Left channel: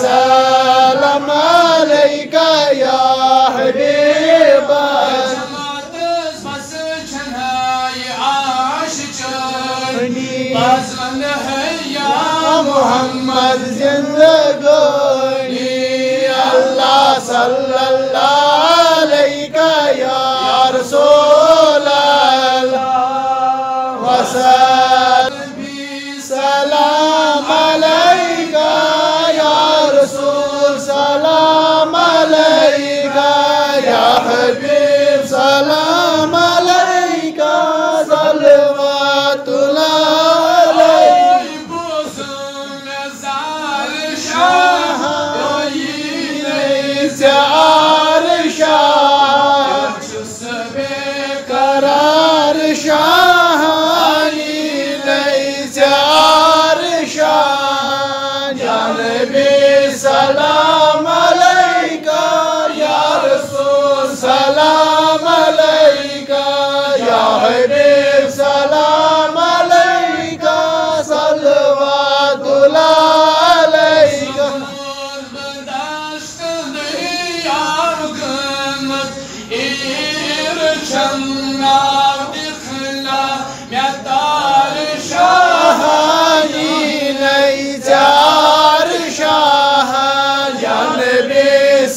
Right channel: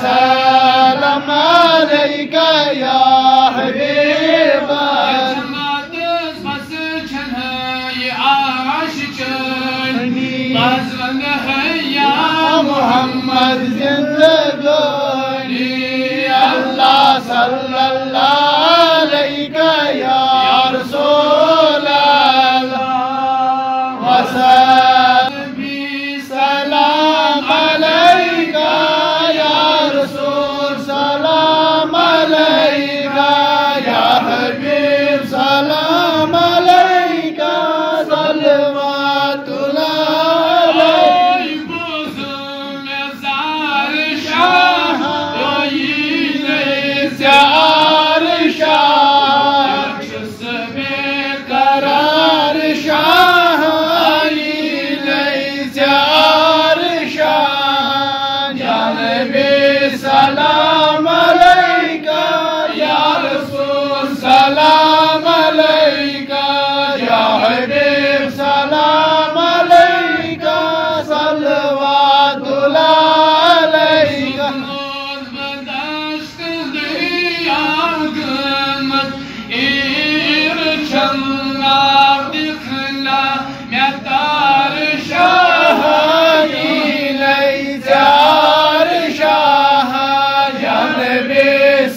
سلام عليك يا حبيب يا محمد زندگانی الله صلى الله عليك يا رسول الله وسلم سلام عليك يا رسول سلام عليك يا حبيب سلام عليك صلوات الله سلام عليك يا رسول سلام عليك يا حبيب سلام عليك صلوات الله عليك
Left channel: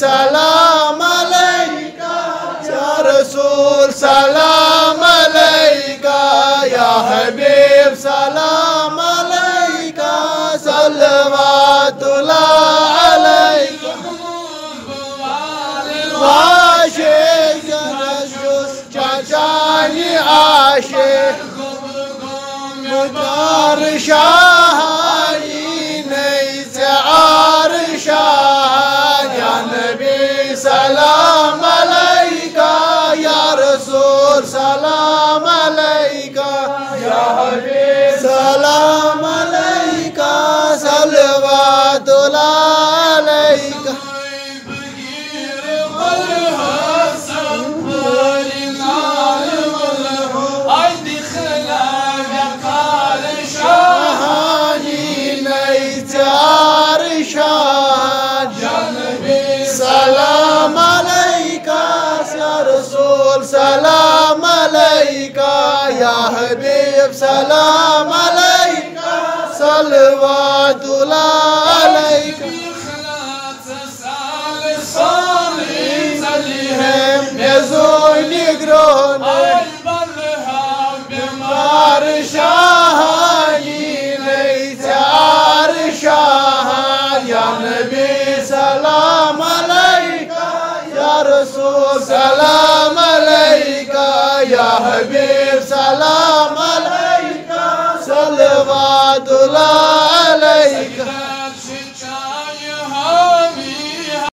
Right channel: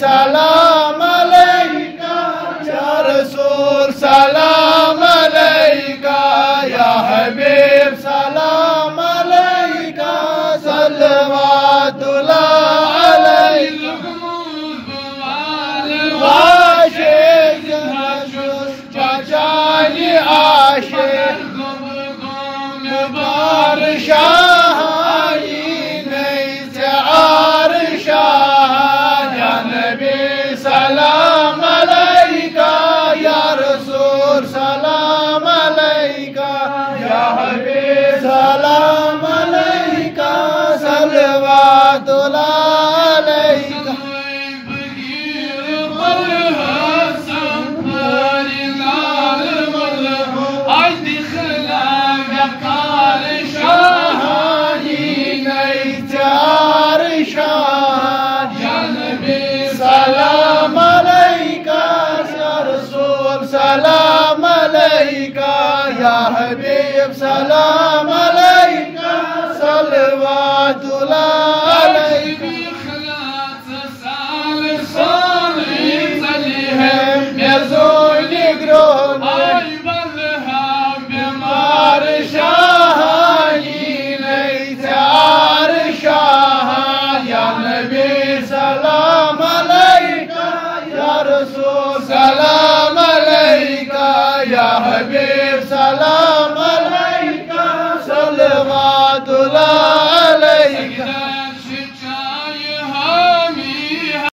سلام عليك يا رسول سلام عليك يا حبيب سلام عليك صلوات الله عليك واشيك نشوش جاجاني عاشق مبار سلام عليك يا رسول سلام عليك يا حبيب سلام عليك صلوات الله عليك سلام عليك يا رسول سلام عليك يا حبيب سلام عليك صلوات الله عليك يزول يقرون بمار شاهين ليس عرشاها يا نبي سلام عليك يا رسول سلام عليك يا حبيب سلام